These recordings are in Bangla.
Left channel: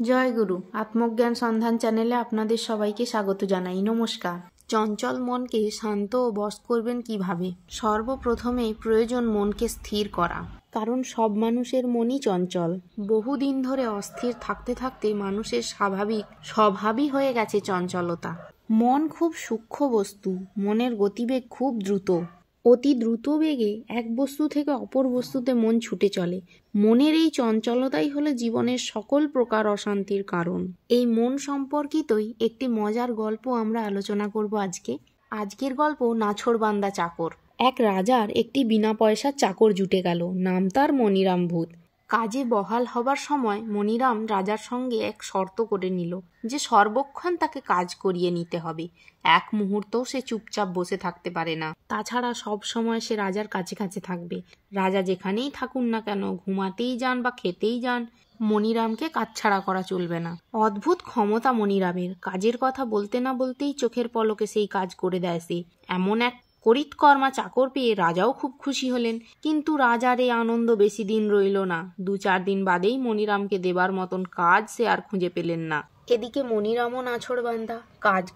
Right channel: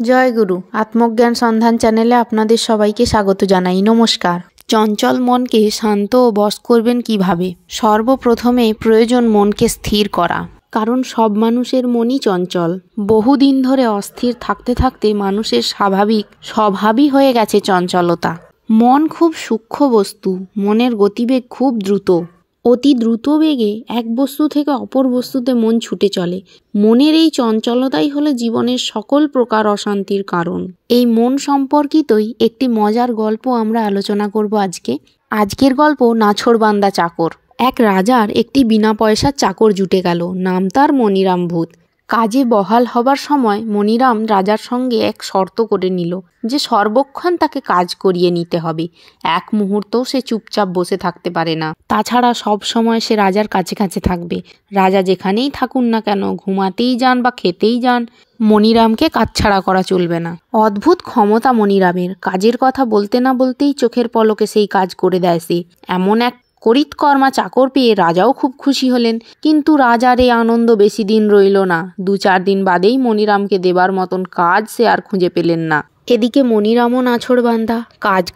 জয় গুরু। আত্মজ্ঞান সন্ধান চ্যানেলে আপনাদের সবাইকে স্বাগত জানাই। নমস্কার। চঞ্চল মনকে শান্ত ও বশ করবেন কিভাবে? সর্বপ্রথমে প্রয়োজন মনকে স্থির করা, কারণ সব মানুষের মনই চঞ্চল। বহুদিন ধরে অস্থির থাকতে থাকতে মানুষের স্বভাবই হয়ে গেছে চঞ্চলতা। মন খুব সূক্ষ্ম বস্তু, মনের গতিবেগ খুব দ্রুত। অতি দ্রুত বেগে এক বস্তু থেকে অপর বস্তুতে মন ছুটে চলে। মনের এই চঞ্চলতাই হলো জীবনের সকল প্রকার অশান্তির কারণ। এই মন সম্পর্কিতই একটি মজার গল্প আমরা আলোচনা করব আজকে। আজকের গল্প নাছোড়বান্দা চাকর। এক রাজার একটি বিনা পয়সার চাকর জুটে গেল। নাম তার মনিরাম ভূত। কাজে বহাল হবার সময় মনিরাম রাজার সঙ্গে এক শর্ত করে নিল যে সর্বক্ষণ তাকে কাজ করিয়ে নিতে হবে। এক মুহূর্তও সে চুপচাপ বসে থাকতে পারে না। তাছাড়া সব সময় সে রাজার কাছে কাছে থাকবে। রাজা যেখানেই থাকুন না কেন, ঘুমাতেই যান বা খেতেই যান, মনিরামকে কাছছাড়া করা চলবে না। অদ্ভুত ক্ষমতা মনিরামের। কাজের কথা বলতে না বলতেই চোখের পলকে সেই কাজ করে দেয় সে। এমন এক করিতকর্মা চাকর পেয়ে রাজাও খুব খুশি হলেন। কিন্তু রাজার এই আনন্দ বেশি দিন রইল না। 2-4 দিন বাদেই মনিরামকে দেবার মতন কাজ সে আর খুঁজে পেলেন না। এদিকে মনিরামও নাছোড়বান্দা।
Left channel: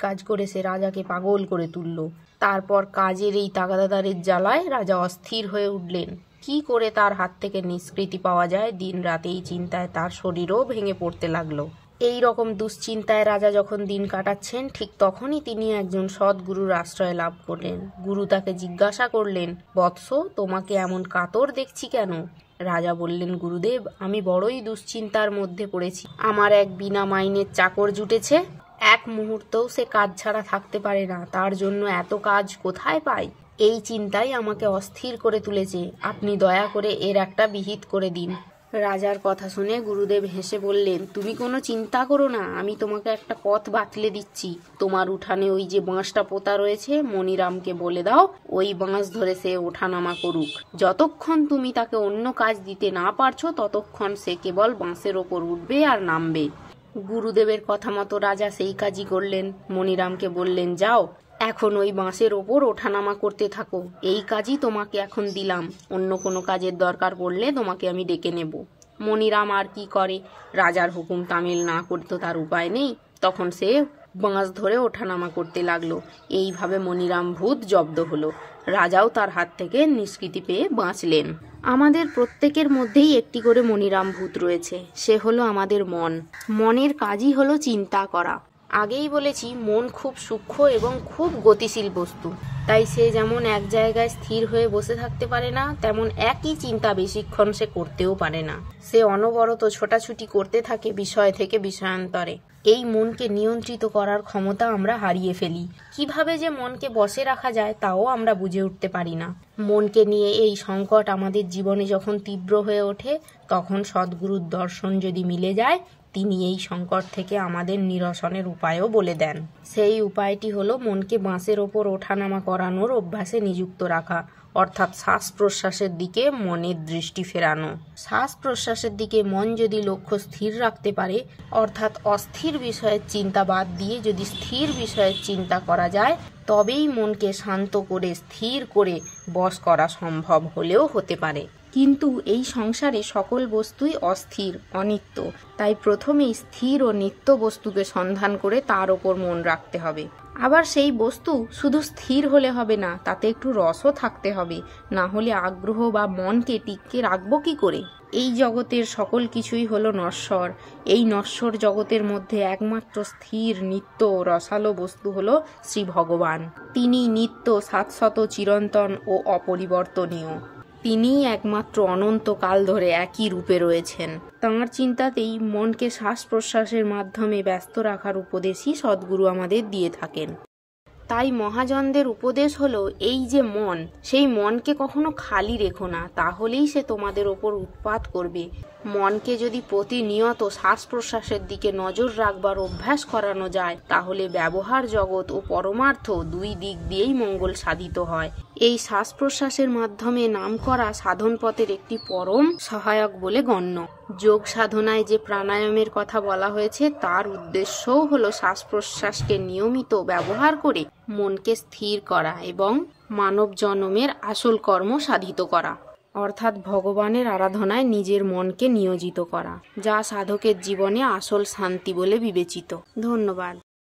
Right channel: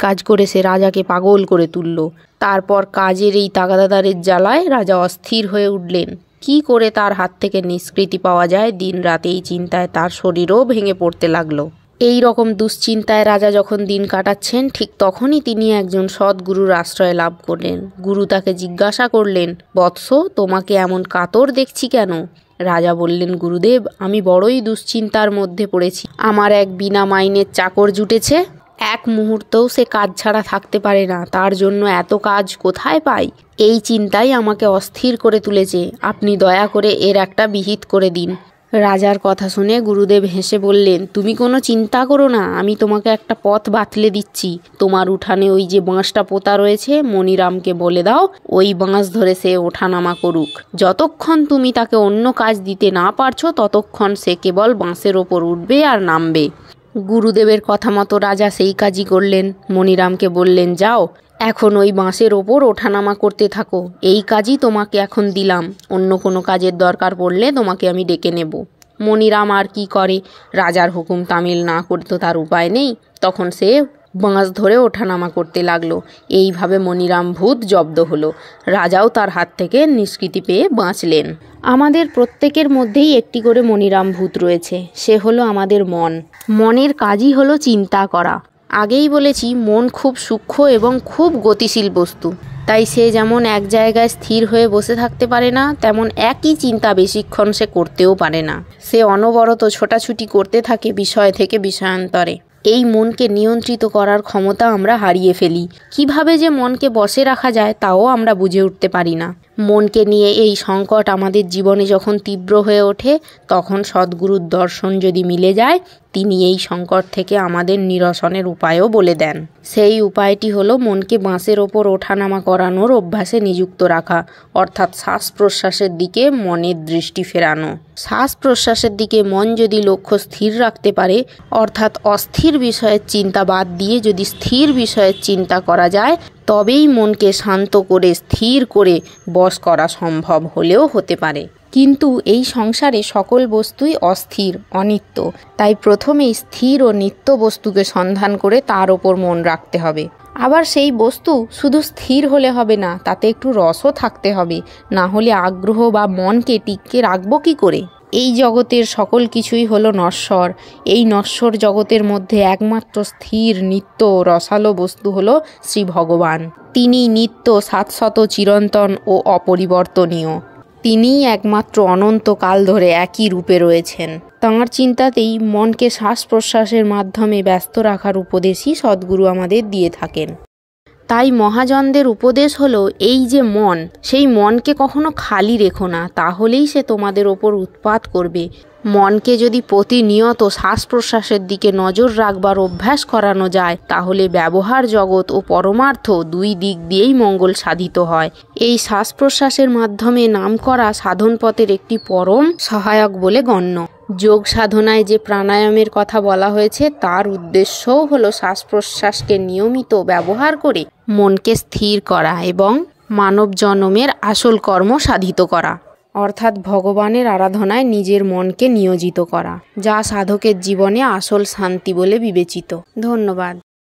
কাজ করে সে রাজাকে পাগল করে তুলল। তারপর কাজের এই তাগাদাদারের জ্বালায় রাজা অস্থির হয়ে উঠলেন। কি করে তার হাত থেকে নিষ্কৃতি পাওয়া যায়, দিন রাত এই চিন্তায় তার শরীরও ভেঙে পড়তে লাগলো। এই রকম দুশ্চিন্তায় রাজা যখন দিন কাটাচ্ছেন, ঠিক তখনই তিনি একজন সদ্গুরুর আশ্রয় লাভ করলেন। গুরু তাকে জিজ্ঞাসা করলেন, বৎস, তোমাকে এমন কাতর দেখছি কেন? রাজা বললেন, গুরুদেব, আমি বড়ই দুশ্চিন্তার মধ্যে পড়েছি। আমার এক বিনা মাইনের চাকর জুটেছে। এক মুহূর্তও সে কাজ ছাড়া থাকতে পারে না। তার জন্য এত কাজ কোথায় পাই? এই চিন্তাই আমাকে অস্থির করে তুলেছে। আপনি দয়া করে এর একটা বিহিত করে দিন। রাজার কথা শুনে গুরুদেব হেসে বললেন, তুমি কোনো চিন্তা করো না, আমি তোমাকে একটা পথ বাতলে দিচ্ছি। তোমার উঠানে ওই যে বাঁশটা পোতা রয়েছে, মনিরামকে বলে দাও ওই বাঁশ ধরে সে ওঠানামা করুক। যতক্ষণ তুমি তাকে অন্য কাজ দিতে না পারছো, ততক্ষণ সে কেবল বাঁশের ওপর উঠবে আর নামবে। গুরুদেবের কথা মতো রাজা সেই কাজই করলেন। মনিরামকে বললেন, যাও এখন ওই বাঁশের ওপর ওঠানামা করতে থাকো। এই কাজই তোমাকে এখন দিলাম। অন্য কোনো কাজের দরকার পড়লে তোমাকে আমি ডেকে নেব। মনিরাম আর কি করে, রাজার হুকুম তামিল না করতে তার উপায় নেই। তখন সে বাঁশ ধরে ওঠানামা করতে লাগলো। এইভাবে মনিরাম ভূত জব্দ হলো। রাজাও তার হাত থেকে নিষ্কৃতি পেয়ে বাঁচলেন। আমাদের প্রত্যেকের মধ্যেই একটি করে মনিরাম ভূত রয়েছে। সে হলো আমাদের মন। মনের কাজই হলো চিন্তা করা। আগেই বলেছি, মন খুব সূক্ষ্ম এবং খুব গতিশীল বস্তু। তাই সে যেমন এক জায়গায় স্থির হয়ে বসে থাকতে পারে না, তেমন একই চিন্তা বেশিক্ষণ সে করতেও পারে না। সে অনবরত ছোটাছুটি করতে থাকে বিষয় থেকে বিষয়ান্তরে। এই মনকে নিয়ন্ত্রিত করার ক্ষমতা আমরা হারিয়ে ফেলি। কিভাবে যে মনকে বশে রাখা যায় তাও আমরা বুঝে উঠতে পারি না। মনকে নিয়ে এই সংকট আমাদের জীবনে যখন তীব্র হয়ে ওঠে, তখন সদ্গুরুর দর্শন যদি মিলে যায়, তিনি এই সংকট থেকে আমাদের নিরসনের উপায়ও বলে দেন। সেই উপায়টি হলো মনকে বাঁশের ওপর ওঠানামা করানোর অভ্যাসে নিযুক্ত রাখা, অর্থাৎ শ্বাস প্রশ্বাসের দিকে মনের দৃষ্টি ফেরানো। শ্বাস প্রশ্বাসের দিকে মন যদি লক্ষ্য স্থির রাখতে পারে, অর্থাৎ অস্থির বিষয়ের চিন্তা বাদ দিয়ে যদি স্থির বিষয়ের চিন্তা করা যায়, তবেই মনকে শান্ত করে স্থির করে বশ করা সম্ভব হলেও হতে পারে। কিন্তু এই সংসারে সকল বস্তুই অস্থির, অনিত্য। তাই প্রথমেই স্থির ও নিত্য বস্তুকে সন্ধান করে তার ওপর মন রাখতে হবে। আবার সেই বস্তু শুধু স্থির হলে হবে না, তাতে একটু রসও থাকতে হবে। না হলে আগ্রহ বা মনকে টিকিয়ে রাখবো কি করে? এই জগতের সকল কিছুই হলো নশ্বর। এই নশ্বর জগতের মধ্যে একমাত্র স্থির, নিত্য, রসালো বস্তু হলো শ্রী ভগবান। তিনি নিত্য, শাশ্বত, চিরন্তন ও অপরিবর্তনীয়। তিনিই একমাত্র অনন্তকাল ধরে একই রূপে রয়েছেন। তাঁর চিন্তাতেই মনকে শ্বাস প্রশ্বাসের মাধ্যমে ব্যস্ত রাখার উপদেশই সদ্গুরু আমাদের দিয়ে থাকেন। তাই মহাজনদের উপদেশ হলো, এই যে মন, সেই মনকে কখনো খালি রেখো না, তাহলেই সে তোমাদের ওপর উৎপাত করবে। মনকে যদি প্রতিনিয়ত শ্বাস প্রশ্বাসের দিকে নজর রাখবার অভ্যাস করানো যায়, তাহলে ব্যবহার জগৎ ও পরমার্থ দুই দিক দিয়েই মঙ্গল সাধিত হয়। এই শ্বাস প্রশ্বাসের মাধ্যমে নাম করা সাধন পথের একটি পরম সহায়ক বলে গণ্য। যোগ সাধনায় যে প্রাণায়ামের কথা বলা হয়েছে, তার উদ্দেশ্যও হলো শ্বাস প্রশ্বাসকে নিয়মিত ব্যবহার করে মনকে স্থির করা এবং মানব জন্মের আসল কর্ম সাধিত করা। অর্থাৎ ভগবানের আরাধনায় নিজের মনকে নিয়োজিত করা, যা সাধকের জীবনে আসল শান্তি বলে বিবেচিত। ধন্যবাদ।